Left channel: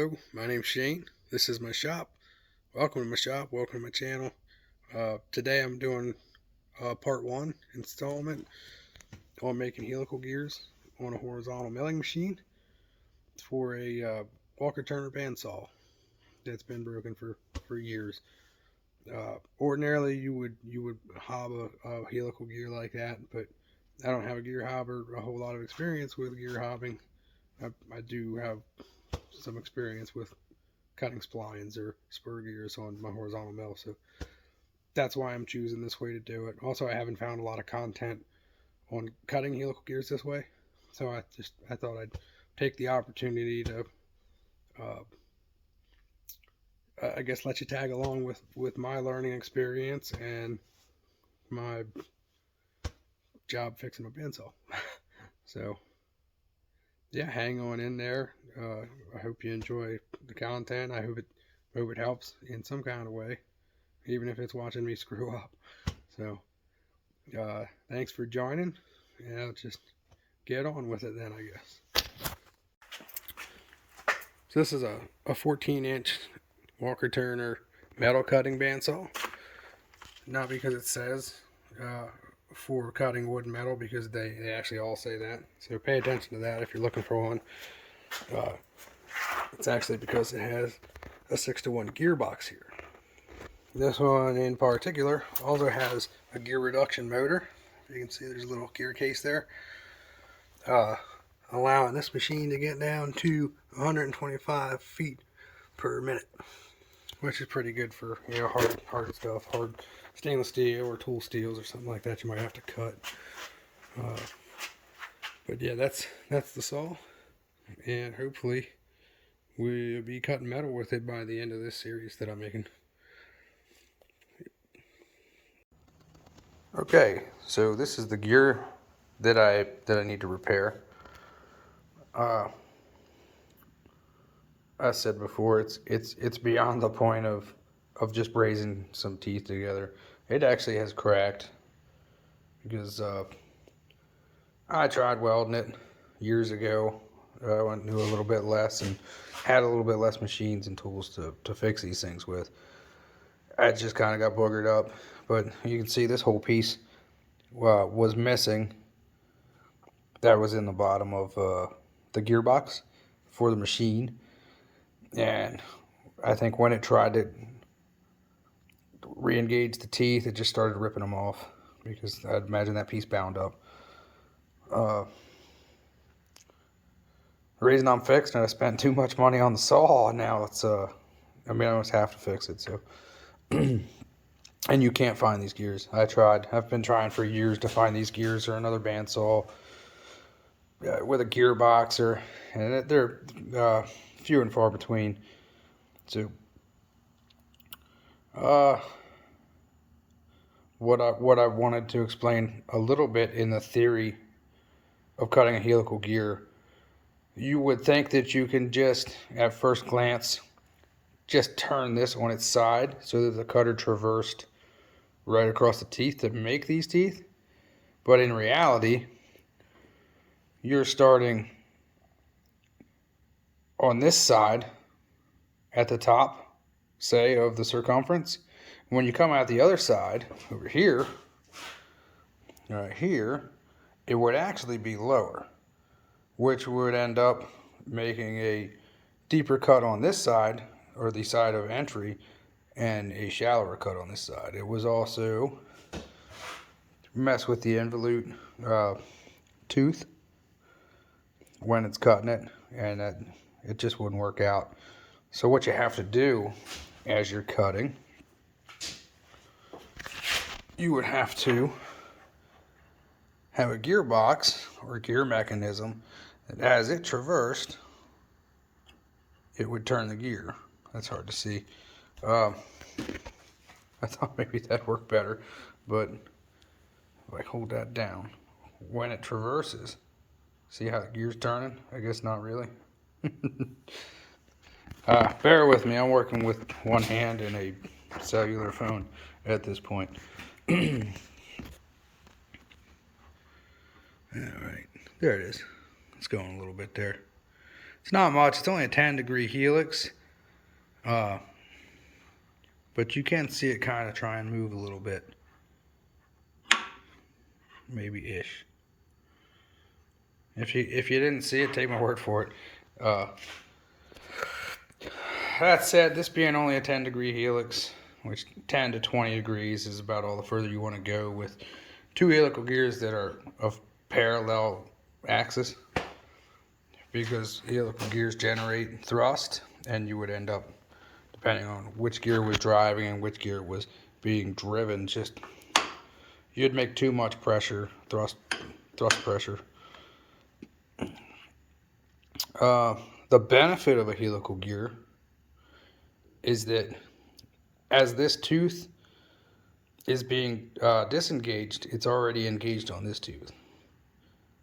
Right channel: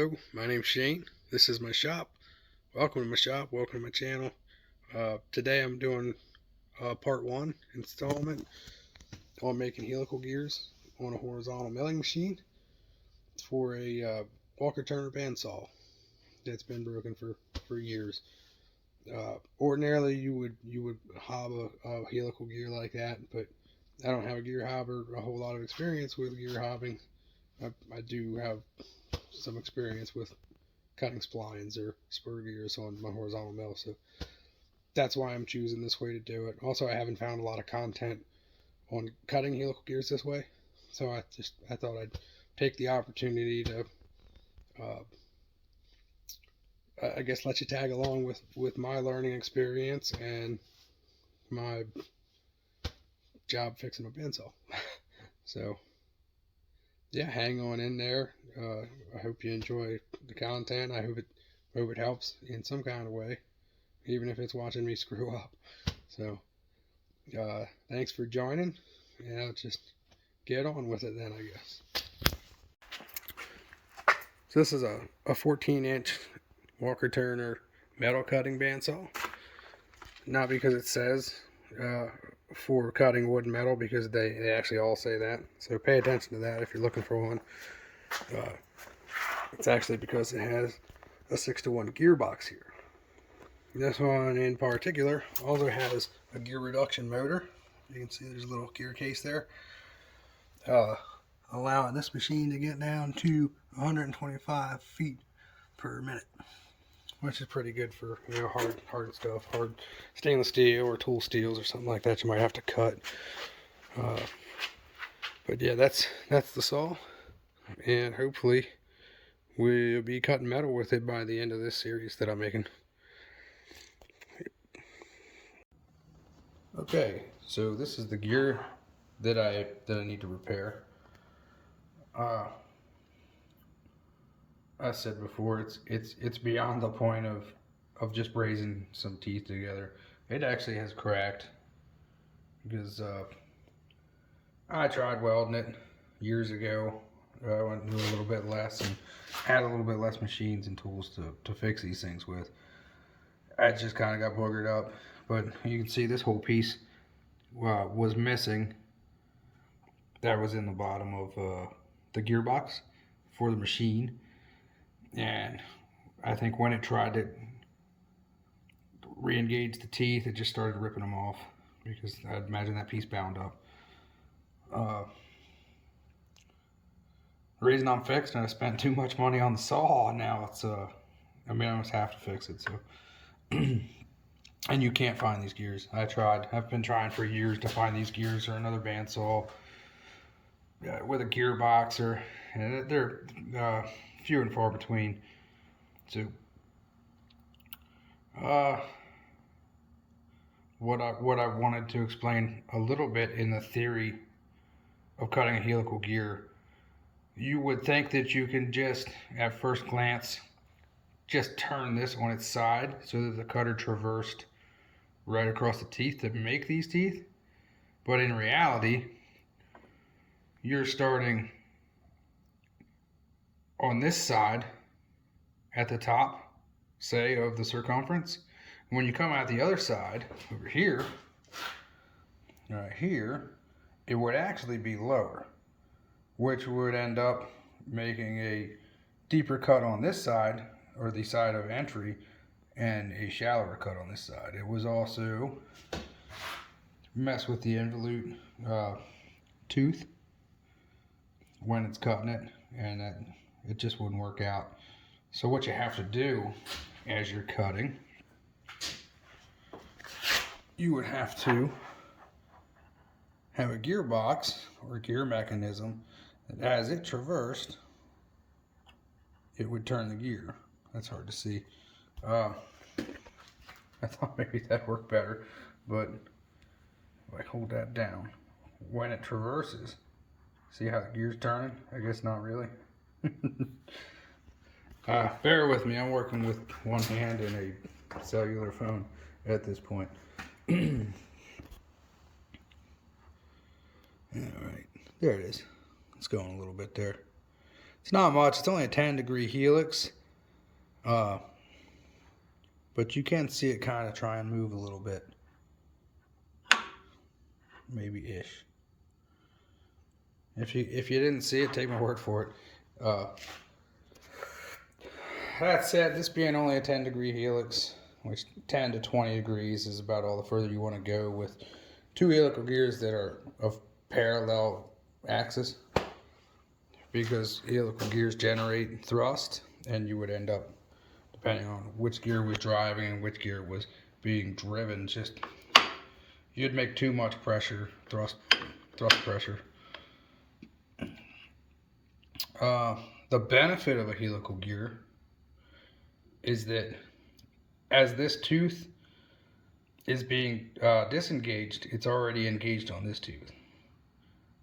Hello, my name's Shane. This is my shop. Welcome to my shop. Welcome to my channel. Today I'm doing part 1 installment on making helical gears on a horizontal milling machine for a Walker Turner bandsaw that's been broken for years. Ordinarily you would hob a helical gear like that, but I don't have a gear hobber, a whole lot of experience with gear hobbing. I do have some experience with cutting splines or spur gears on my horizontal mill, so that's why I'm choosing this way to do it. Also, I haven't found a lot of content on cutting helical gears this way, so I thought I'd take the opportunity to I guess let you tag along with my learning experience and my job fixing a bandsaw. So yeah, hang on in there. I hope you enjoy the content. I hope it helps in some kind of way, even if it's watching me screw up. So thanks for joining, and I'll just get on with it then, I guess. So this is a 14-inch Walker Turner metal cutting bandsaw. Not because it says for cutting wood and metal, because they actually all say that. So pay attention to that if you're looking for one. It's actually because it has a 6-to-1 gearbox here. This one in particular also has a gear reduction motor. You can see there's a little gear case there, allowing this machine to get down to 125 feet per minute, which is pretty good for, you know, hard stuff, hard stainless steel or tool steels or something like that you might have to cut. But yeah, that's the saw, and hopefully we'll be cutting metal with it by the end of this series that I'm making. Okay, so this is the gear that I need to repair. I said before, it's beyond the point of just brazing some teeth together. It actually has cracked because I tried welding it years ago. I went to a little bit less and had a little bit less machines and tools to fix these things with. I just kind of got boogered up, but you can see this whole piece was missing. That was in the bottom of the gearbox for the machine, and I think when it tried to re-engage the teeth, it just started ripping them off, because I'd imagine that piece bound up. The reason I'm fixing it, I spent too much money on the saw, and now it's I almost have to fix it. So and you can't find these gears. I've been trying for years to find these gears or another bandsaw with a gearbox, and they're few and far between. So what I wanted to explain a little bit in the theory of cutting a helical gear, you would think that you can just, at first glance, just turn this on its side so that the cutter traversed right across the teeth to make these teeth. But in reality, you're starting on this side at the top, say, of the circumference. When you come out the other side, over here, right here, it would actually be lower, which would end up making a deeper cut on this side, or the side of entry, and a shallower cut on this side. It was also mess with the involute tooth when it's cutting it, and it just wouldn't work out. So what you have to do as you're cutting, you would have to have a gearbox or a gear mechanism that, as it traversed, it would turn the gear. That's hard to see. I thought maybe that worked better, but if I hold that down, when it traverses, see how the gear's turning? I guess not really. Bear with me, I'm working with one hand and a cellular phone at this point. Alright, there it is. It's going a little bit there. It's not much. It's only a 10-degree helix. But you can see it kind of try and move a little bit. Maybe ish. If you didn't see it, take my word for it. That said, this being only a 10-degree helix, which 10 to 20 degrees is about all the further you want to go with two helical gears that are of parallel axis, because helical gears generate thrust, and you would end up, depending on which gear was driving and which gear was being driven, just you'd make too much pressure, thrust pressure. The benefit of a helical gear is that as this tooth is being disengaged, it's already engaged on this tooth.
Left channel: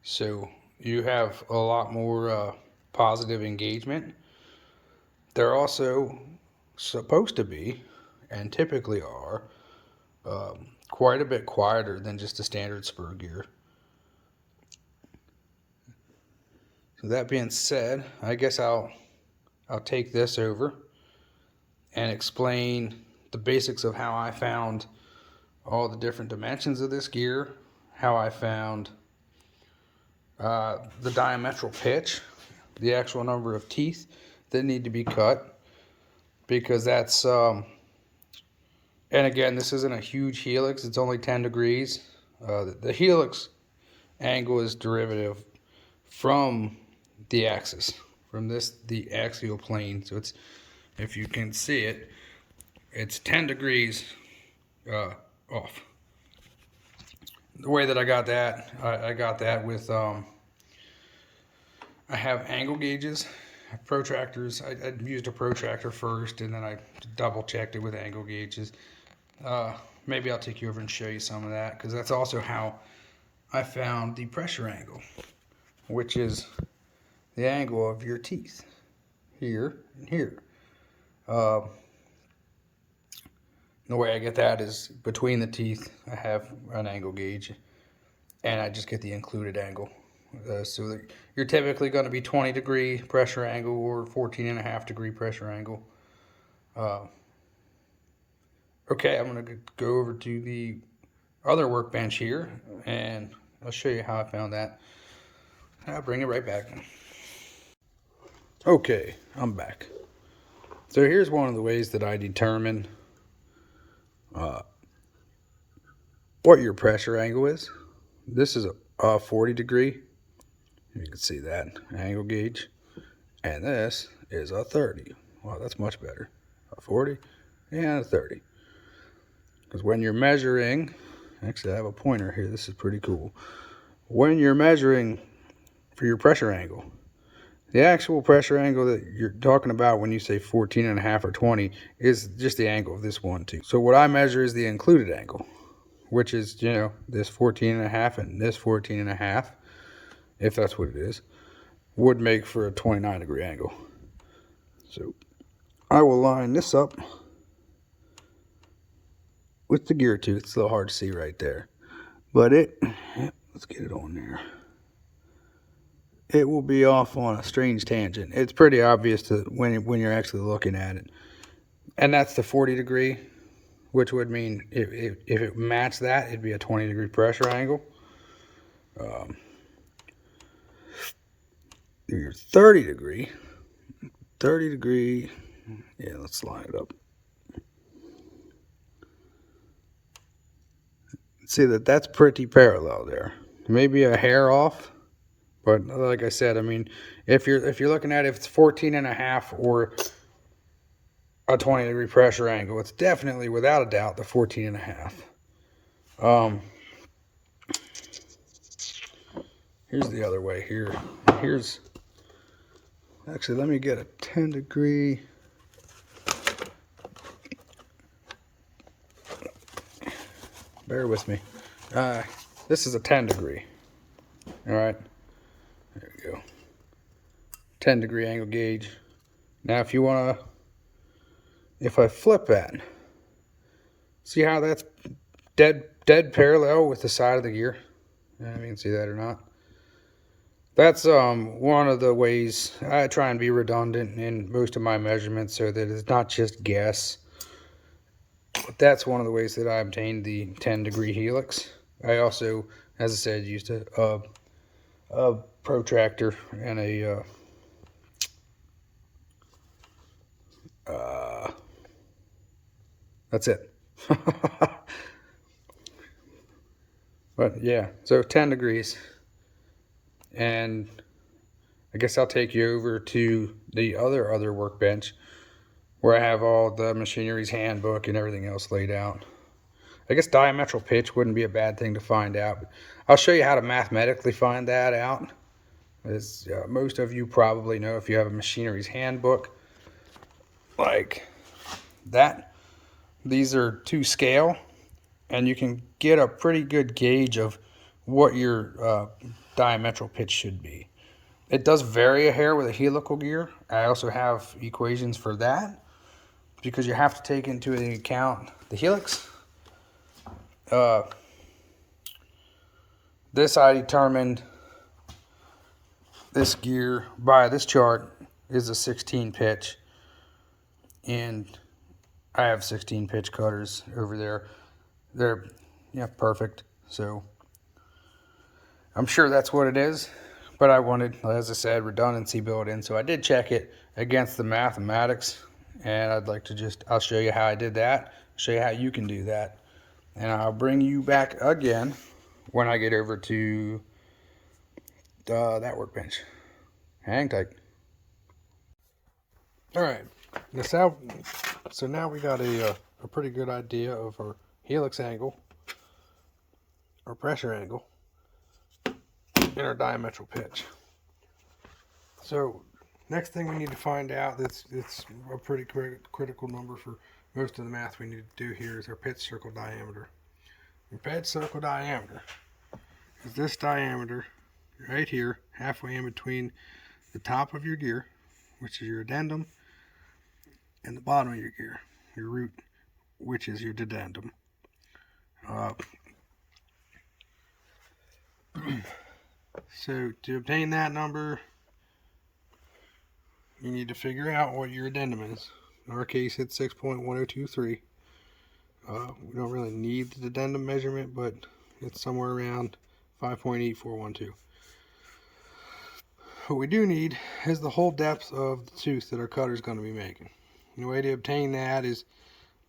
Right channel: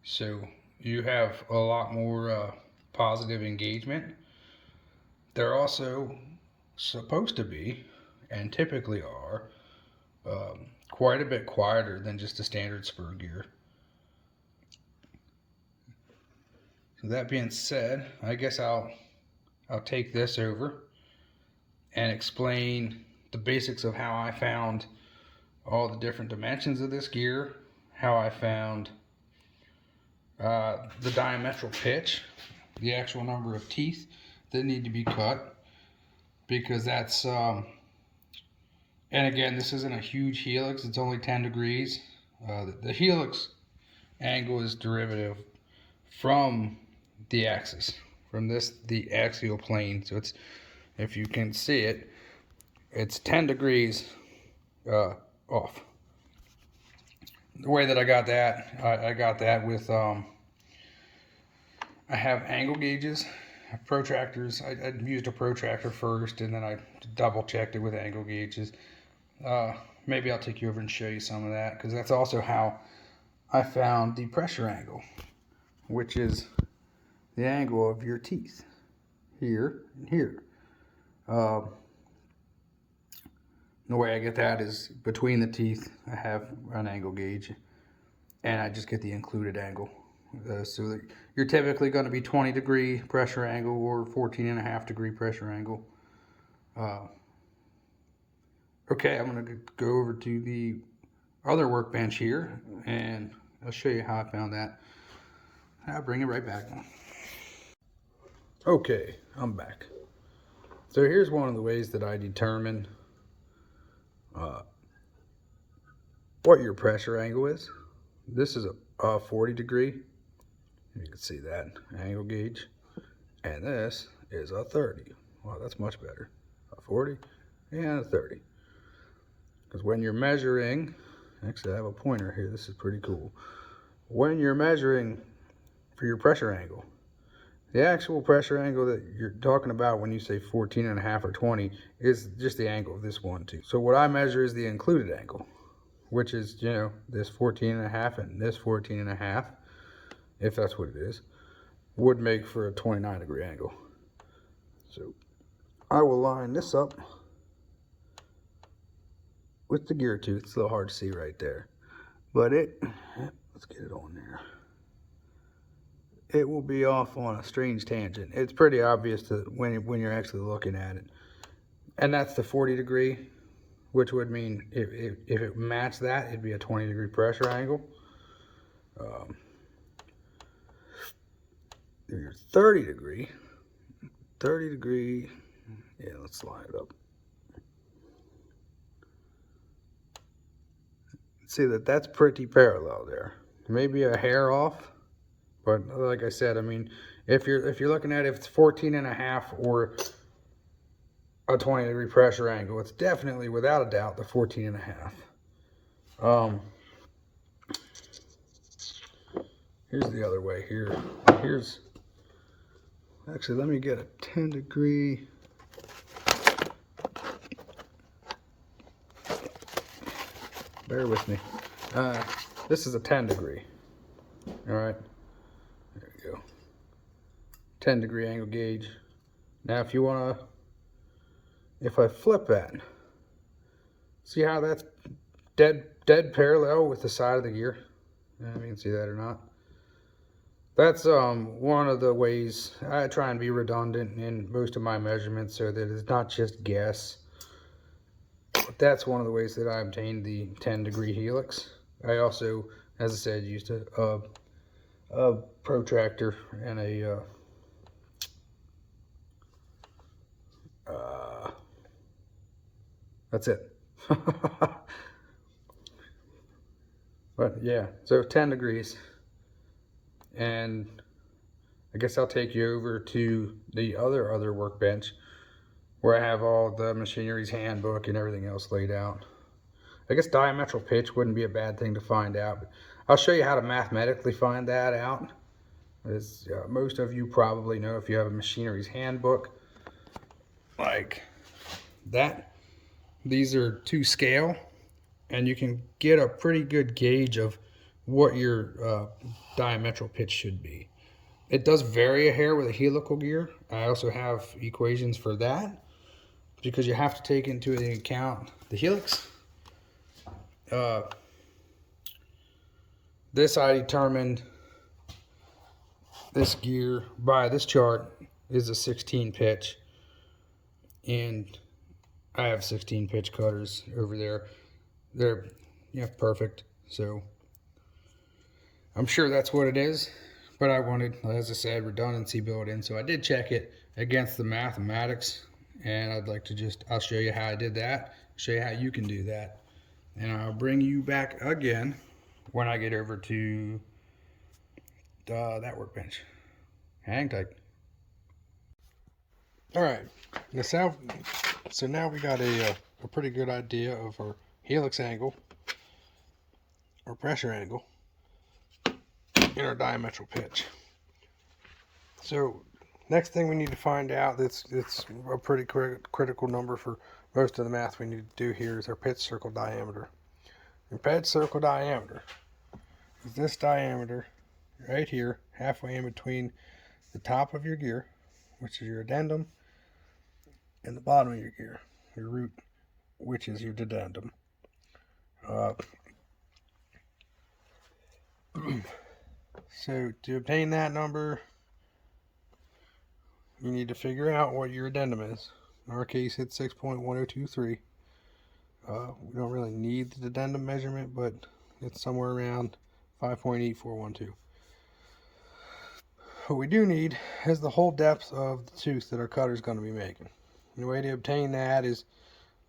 So you have a lot more positive engagement. They're also supposed to be, and typically are, quite a bit quieter than just a standard spur gear. So that being said, I guess I'll take this over and explain the basics of how I found all the different dimensions of this gear, how I found the diametral pitch, the actual number of teeth that need to be cut, because that's and again, this isn't a huge helix, it's only 10 degrees. The helix angle is derivative from the axis, from the axial plane. So it's, if you can see it, it's 10 degrees off. The way that I got that, I got that with I have angle gauges, protractors. I used a protractor first, and then I double checked it with angle gauges. Maybe I'll take you over and show you some of that, because that's also how I found the pressure angle, which is the angle of your teeth, here and here. The way I get that is between the teeth, I have an angle gauge, and I just get the included angle. So that you're typically going to be 20-degree pressure angle or 14.5-degree pressure angle. Okay, I'm going to go over to the other workbench here, and I'll show you how I found that. I'll bring it right back. Okay, I'm back. So here's one of the ways that I determine what your pressure angle is. This is a 40-degree. You can see that angle gauge. And this is a 30. Wow, that's much better. A 40 and a 30. Because when you're measuring, actually I have a pointer here, this is pretty cool. When you're measuring for your pressure angle, the actual pressure angle that you're talking about when you say 14.5 or 20 is just the angle of this one too. So what I measure is the included angle, which is, you know, this 14.5 and this 14.5, if that's what it is, would make for a 29-degree angle. So I will line this up with the gear tooth. It's a little hard to see right there, but let's get it on there. It will be off on a strange tangent. It's pretty obvious to when you're actually looking at it. And that's the 40-degree, which would mean if it matched that, it'd be a 20-degree pressure angle. Your 30-degree, yeah, let's line it up. See that's pretty parallel there. Maybe a hair off. But like I said, I mean, if you're looking at it, if it's 14.5 or a 20-degree pressure angle, it's definitely, without a doubt, the 14.5. Here's the other way here. Here's, actually, let me get a 10-degree. Bear with me. This is a 10-degree. All right. 10-degree angle gauge. Now if you want to, if I flip that, see how that's dead parallel with the side of the gear? I don't know if you can see that or not. That's one of the ways I try and be redundant in most of my measurements so that it's not just guess. That's one of the ways that I obtained the 10-degree helix. I also, as I said, used a protractor and that's it. But yeah, so 10 degrees. And I guess I'll take you over to the other workbench where I have all the machinery's handbook and everything else laid out. I guess diametral pitch wouldn't be a bad thing to find out. I'll show you how to mathematically find that out. As most of you probably know, if you have a machinery's handbook like that, these are to scale, and you can get a pretty good gauge of what your diametral pitch should be. It does vary a hair with a helical gear. I also have equations for that because you have to take into account the helix. This I determined this gear by this chart is a 16 pitch, and I have 16 pitch cutters over there. They're perfect, so I'm sure that's what it is, but I wanted, as I said, redundancy built in, so I did check it against the mathematics, and I'll show you how I did that, show you how you can do that, and I'll bring you back again when I get over to that workbench. Hang tight. All right, so now we got a pretty good idea of our helix angle, our pressure angle, and our diametral pitch. So next thing we need to find out, it's a pretty critical number for most of the math we need to do here, is our pitch circle diameter. Your pitch circle diameter is this diameter right here, halfway in between the top of your gear, which is your addendum, and the bottom of your gear, your root, which is your dedendum. So to obtain that number, you need to figure out what your addendum is. In our case, it's 6.1023. We don't really need the addendum measurement, but it's somewhere around 5.8412. What we do need is the whole depth of the tooth that our cutter is going to be making. And the way to obtain that is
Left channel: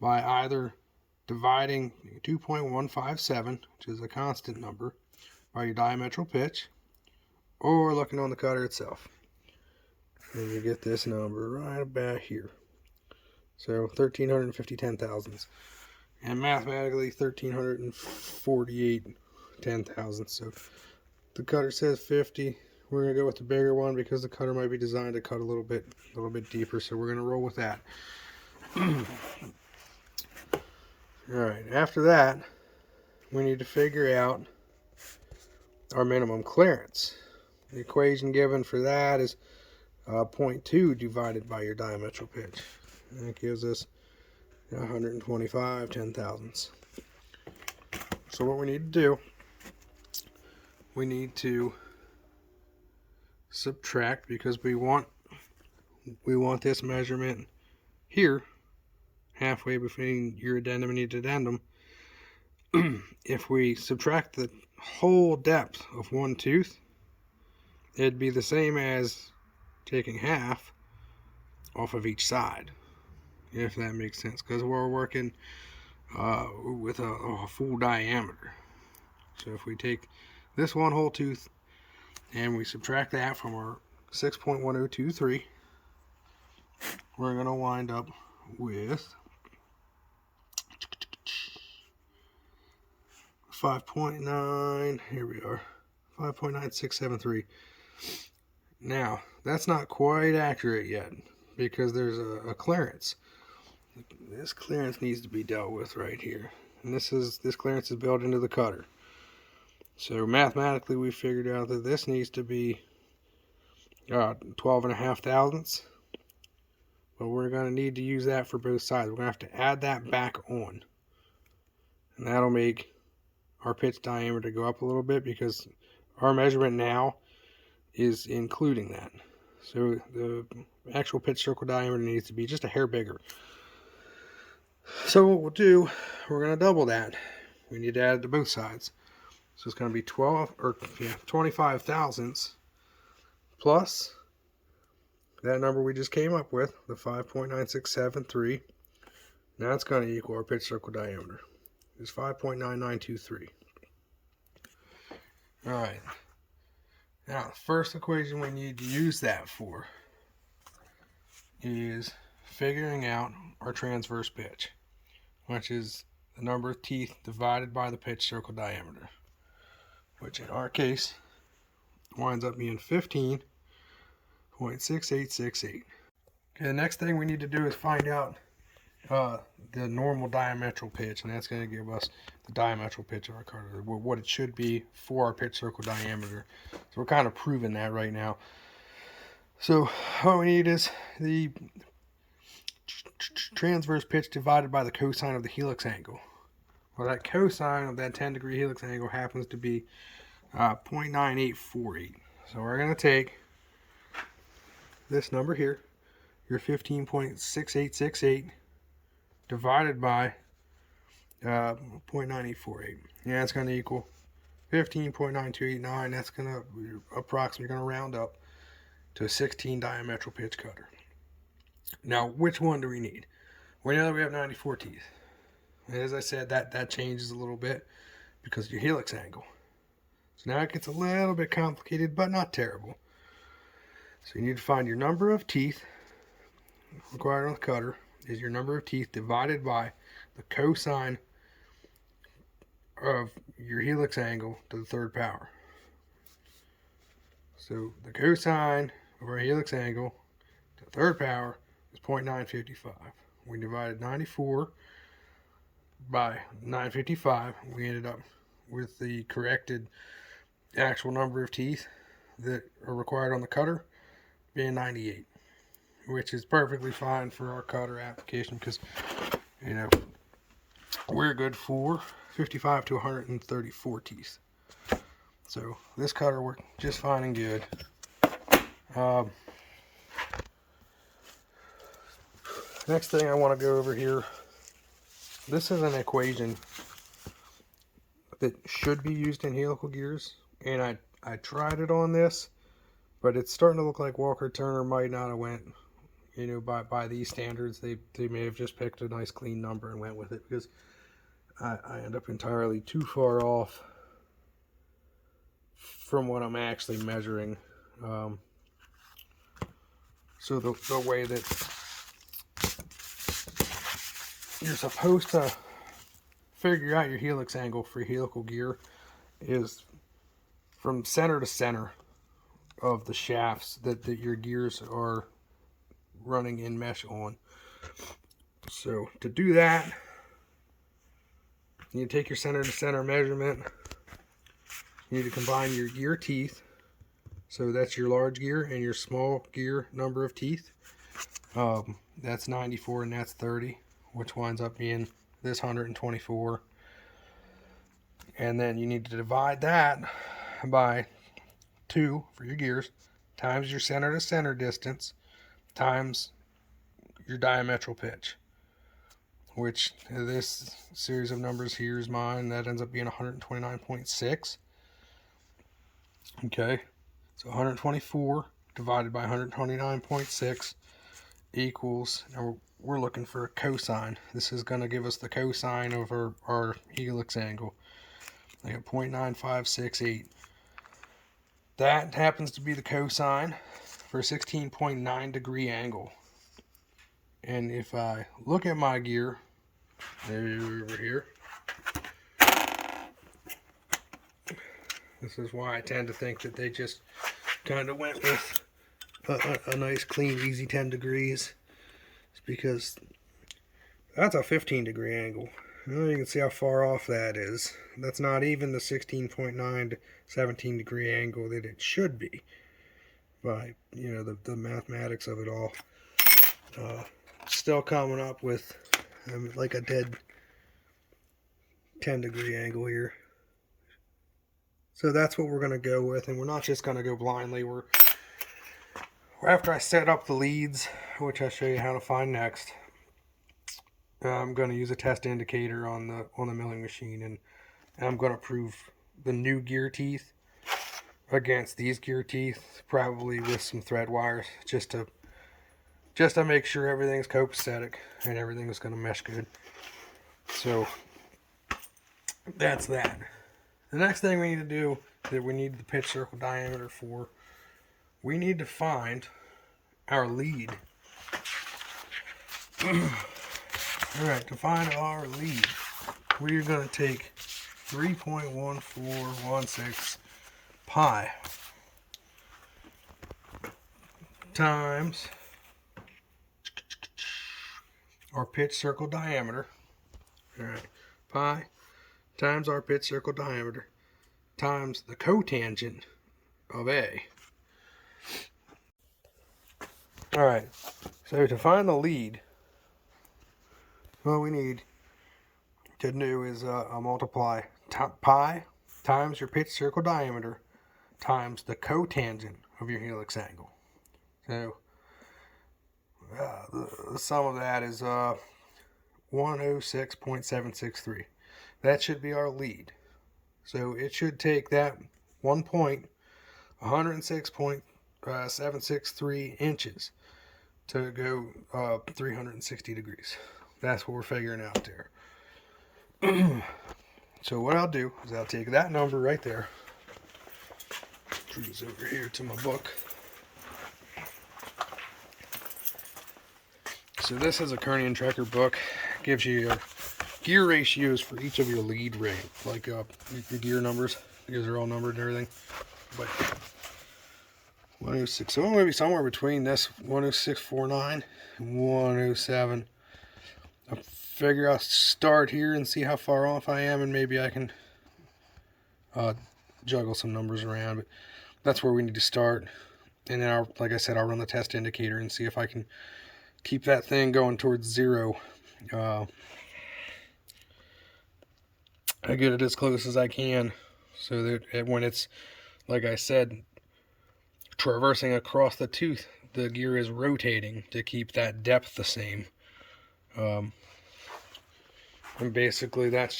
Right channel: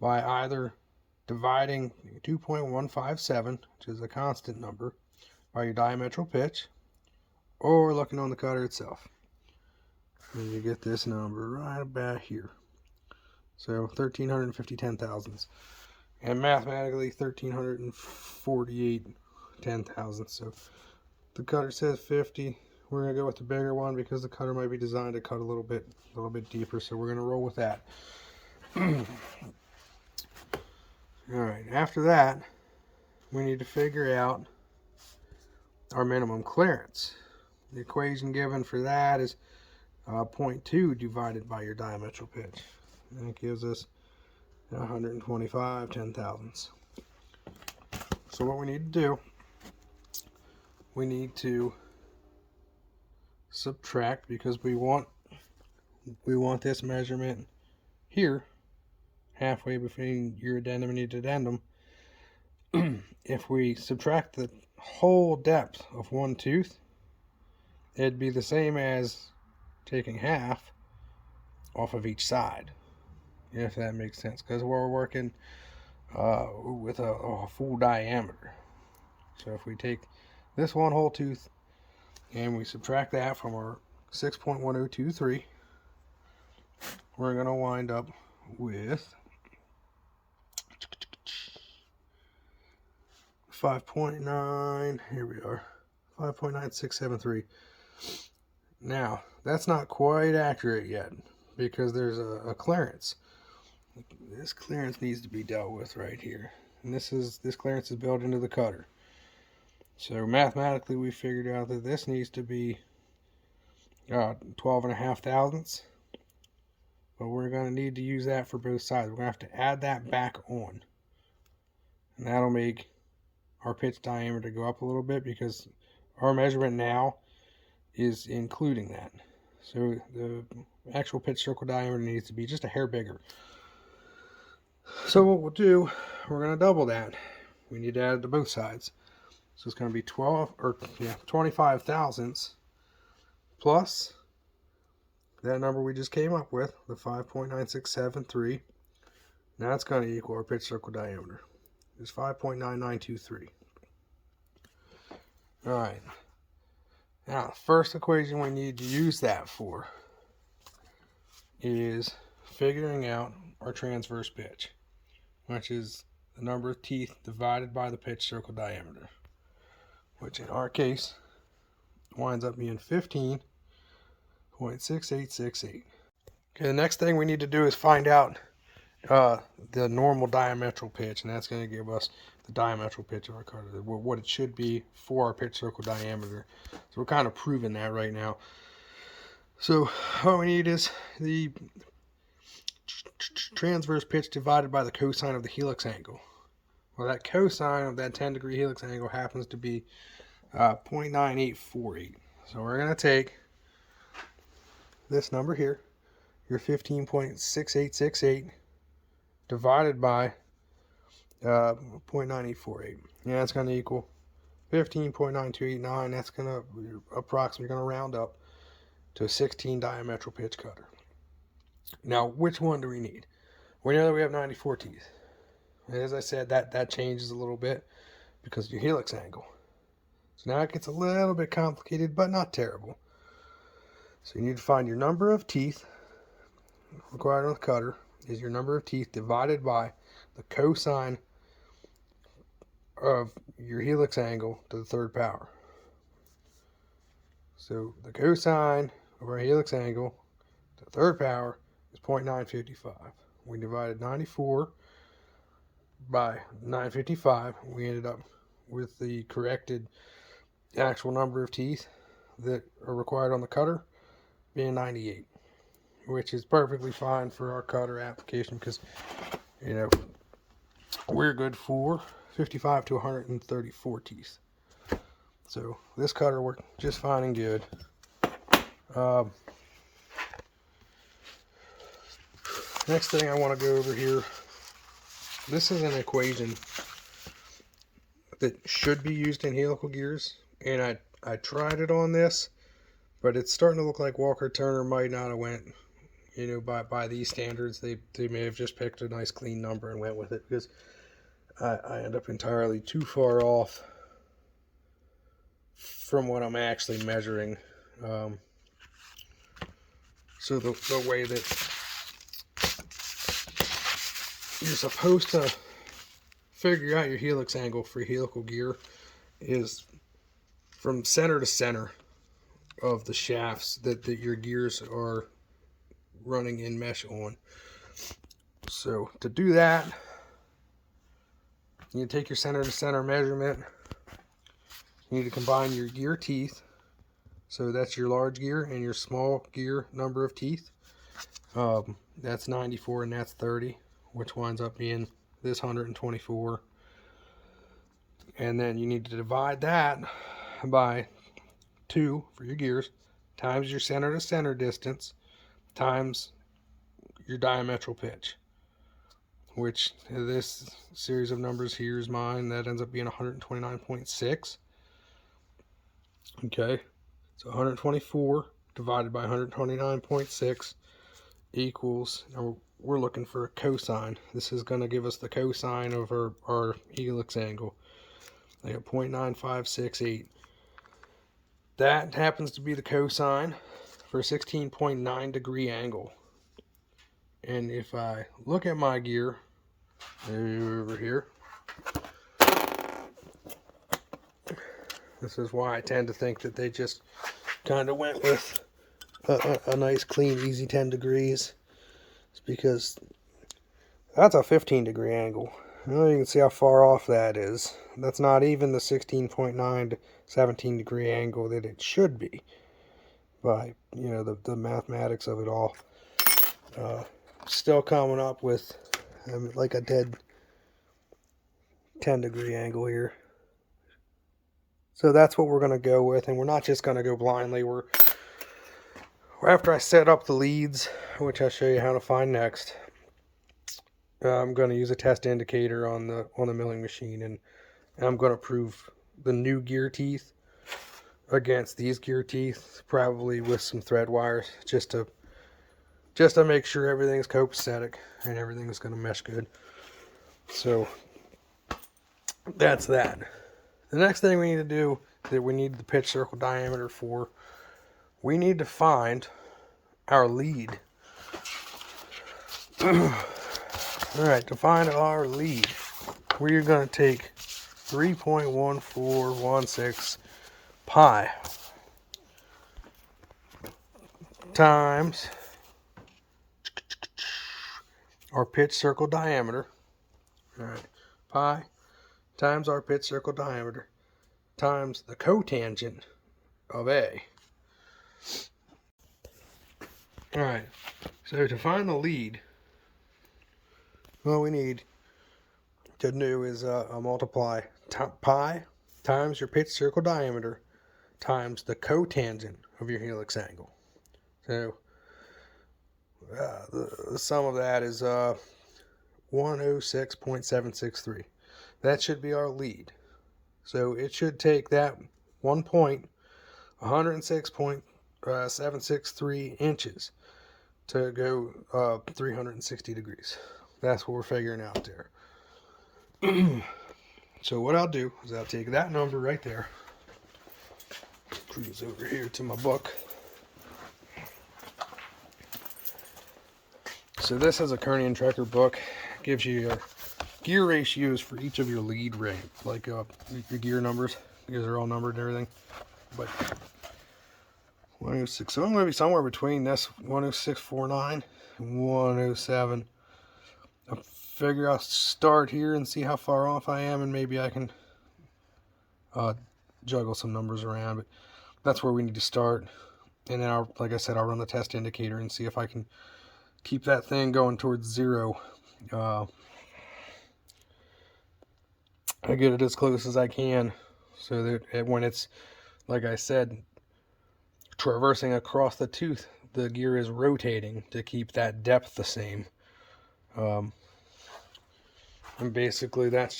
by either dividing 2.157, which is a constant number, by your diametral pitch, or looking on the cutter itself. And you get this number right about here. So 1,350 10,000ths. And mathematically 1,348 10,000ths. So the cutter says 50. We're going to go with the bigger one because the cutter might be designed to cut a little bit deeper. So we're going to roll with that. Alright, after that, we need to figure out our minimum clearance. The equation given for that is 0.2 divided by your diametral pitch. And that gives us 125 10,000ths. So what we need to do, we need to subtract, because we want this measurement here, halfway between your addendum and your dedendum. If we subtract the whole depth of one tooth, it'd be the same as taking half off of each side, if that makes sense, because we're working with a full diameter. So if we take this one whole tooth and we subtract that from our 6.1023, we're going to wind up with 5.9, here we are, 5.9673. Now, that's not quite accurate yet, because there's a clearance. This clearance needs to be dealt with right here. And this clearance is built into the cutter. So mathematically we figured out that this needs to be 12.5 thousandths. But we're going to need to use that for both sides. We're going to have to add that back on. And that'll make our pitch diameter go up a little bit, because our measurement now is including that. So the actual pitch circle diameter needs to be just a hair bigger. So what we'll do, we're going to double that. We need to add it to both sides. So it's going to be 25 thousandths plus that number we just came up with, the 5.9673. Now it's going to equal our pitch circle diameter. It's 5.9923. Alright. Now, the first equation we need to use that for is figuring out our transverse pitch, which is the number of teeth divided by the pitch circle diameter, which in our case winds up being 15.6868. Okay, the next thing we need to do is find out the normal diametral pitch, and that's going to give us the diametral pitch of our cutter, what it should be for our pitch circle diameter. So we're kind of proving that right now. So what we need is the transverse pitch divided by the cosine of the helix angle. Well, that cosine of that 10-degree helix angle happens to be 0.9848. So we're going to take this number here, your 15.6868, divided by 0.9848. Yeah, it's going to equal 15.9289. That's going to approximately going to round up to a 16 diametral pitch cutter. Now, which one do we need? We know that we have 94 teeth. As I said, that changes a little bit because of your helix angle. So now it gets a little bit complicated, but not terrible. So you need to find your number of teeth required on the cutter is your number of teeth divided by the cosine of your helix angle to the third power. So the cosine of our helix angle to the third power is 0.955. We divided 94 by 955. We ended up with the corrected actual number of teeth that are required on the cutter being 98, which is perfectly fine for our cutter application because, you know, we're good for 55 to 134 teeth. So this cutter worked just fine and good. Next thing I want to go over here, this is an equation that should be used in helical gears, and I tried it on this, but it's starting to look like Walker Turner might not have went, you know, by these standards. They may have just picked a nice clean number and went with it, because I end up entirely too far off from what I'm actually measuring. So the way that you're supposed to figure out your helix angle for helical gear is from center to center of the shafts that your gears are running in mesh on. So to do that, you need to take your center to center measurement. You need to combine your gear teeth. So that's your large gear and your small gear number of teeth. That's 94 and that's 30, which winds up being this 124. And then you need to divide that by 2 for your gears, times your center to center distance, times your diametral pitch, which this series of numbers here is mine. That ends up being 129.6. Okay, so 124 divided by 129.6 equals, now we're looking for a cosine. This is going to give us the cosine of our helix angle. I got 0.9568. That happens to be the cosine for a 16.9 degree angle. And if I look at my gear over here, this is why I tend to think that they just kind of went with a nice, clean, easy 10 degrees. It's because that's a 15 degree angle. Well, you can see how far off that is. That's not even the 16.9 to 17 degree angle that it should be by, you know, the mathematics of it all. Still coming up with like a dead 10 degree angle here. So that's what we're going to go with, and we're not just going to go blindly. We're after I set up the leads, which I'll show you how to find next. I'm going to use a test indicator on the milling machine, and I'm going to prove the new gear teeth against these gear teeth, probably with some thread wires, just to make sure everything's copacetic and everything's going to mesh good. So that's that. The next thing we need to do that we need the pitch circle diameter for, we need to find our lead. Alright, to find our lead, we're going to take 3.1416 pi times our pitch circle diameter. Alright, pi times our pitch circle diameter times the cotangent of A. Alright, so to find the lead, what we need to do is multiply pi times your pitch circle diameter times the cotangent of your helix angle. So the sum of that is 106.763. That should be our lead. So it should take that 1 point, 106.763 inches to go 360 degrees. That's what we're figuring out there. So what I'll do is I'll take that number right there, cruise over here to my book. So this is a Kearney and Trecker book. It gives you gear ratios for each of your lead ring, like your gear numbers, because they're all numbered and everything. But 106, so I'm going to be somewhere between this 106.49 and 107. I figure I'll start here and see how far off I am, and maybe I can juggle some numbers around, but that's where we need to start. And then like I said, I'll run the test indicator and see if I can keep that thing going towards zero. I get it as close as I can, so that when it's, like I said, traversing across the tooth, the gear is rotating to keep that depth the same. And basically that's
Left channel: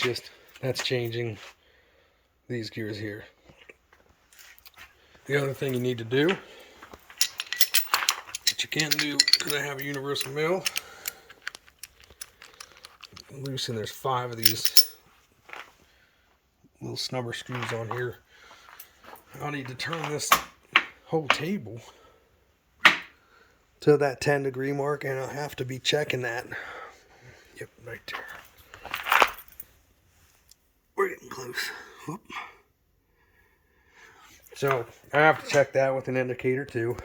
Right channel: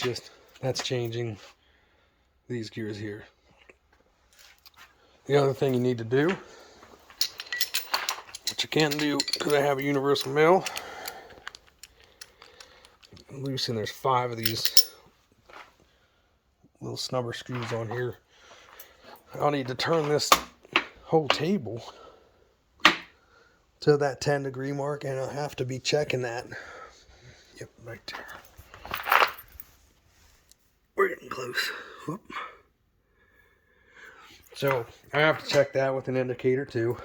changing these gears here. The other thing you need to do, what you can do, because I have a universal mill, loosen, there's 5 of these little snubber screws on here. I'll need to turn this whole table to that 10-degree mark, and I'll have to be checking that. Yep, right there. We're getting close. Whoop. So I have to check that with an indicator too.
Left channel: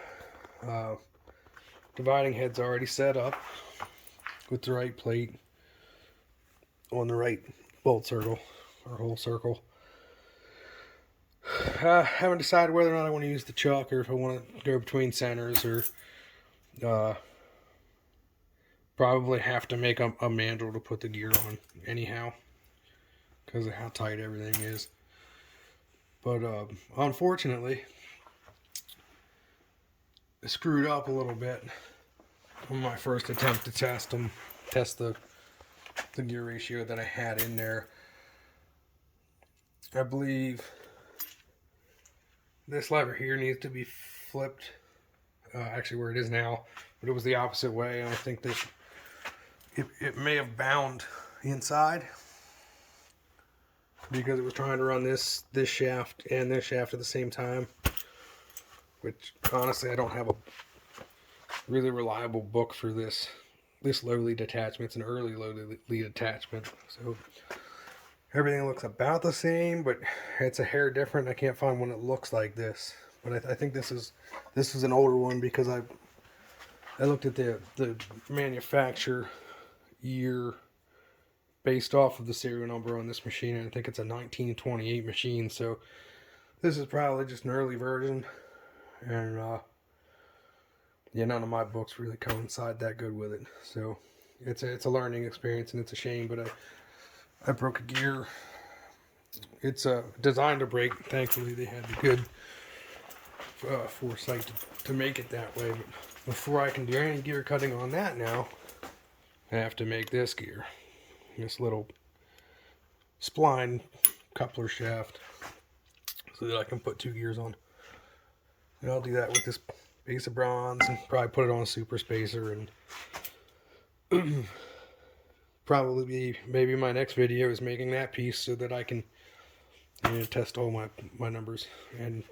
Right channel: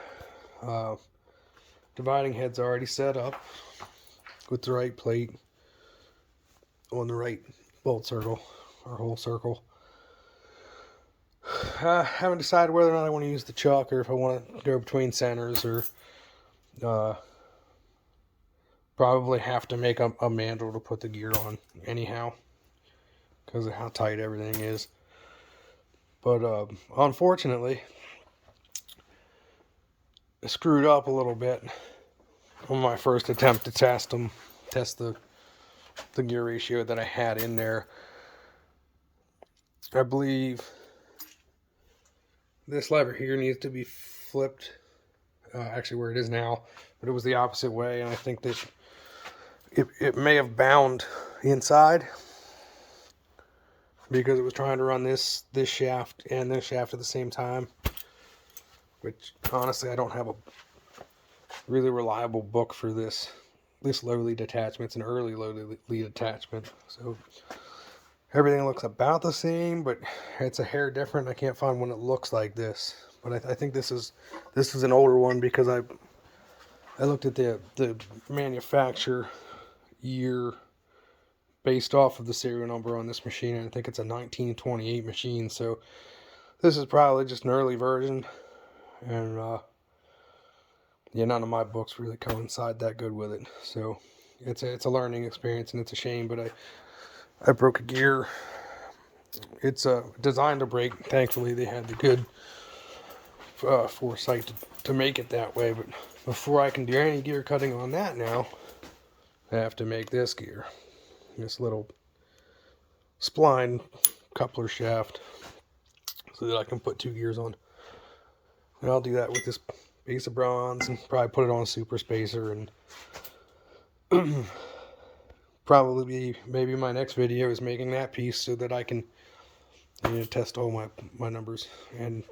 Dividing head's already set up with the right plate on the right bolt circle or hole circle. I haven't decided whether or not I want to use the chuck or if I want to go between centers, or probably have to make a mandrel to put the gear on anyhow because of how tight everything is. But unfortunately, I screwed up a little bit on my first attempt to test the gear ratio that I had in there. I believe this lever here needs to be flipped, actually where it is now, but it was the opposite way, and I think that it may have bound inside because it was trying to run this shaft and this shaft at the same time, which honestly I don't have a really reliable book for this low lead attachment. It's an early low lead attachment, so everything looks about the same, but it's a hair different. I can't find one that looks like this, but I think this is an older one because I looked at the manufacturer year based off of the serial number on this machine, and I think it's a 1928 machine, so this is probably just an early version. And yeah, none of my books really coincide that good with it, so it's a learning experience, and it's a shame. But I broke a gear It's designed to break. Thankfully, they had the good foresight to make it that way. But before I can do any gear cutting on that now, I have to make this gear. This little spline coupler shaft so that I can put 2 gears on. And I'll do that with this piece of bronze and probably put it on a super spacer, and probably maybe my next video is making that piece so that I can test all my numbers and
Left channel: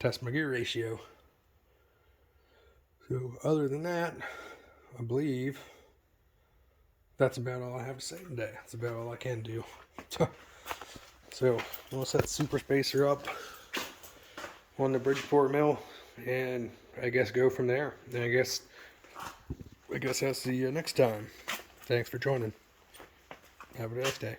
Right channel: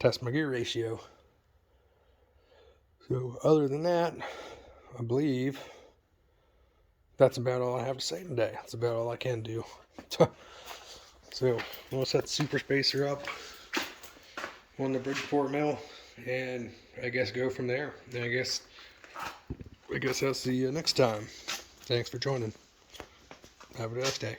test my gear ratio. So other than that, I believe that's about all I have to say today. That's about all I can do. So we'll set the super spacer up on the Bridgeport mill, and I guess go from there. And I guess I'll see you next time. Thanks for joining. Have a nice day.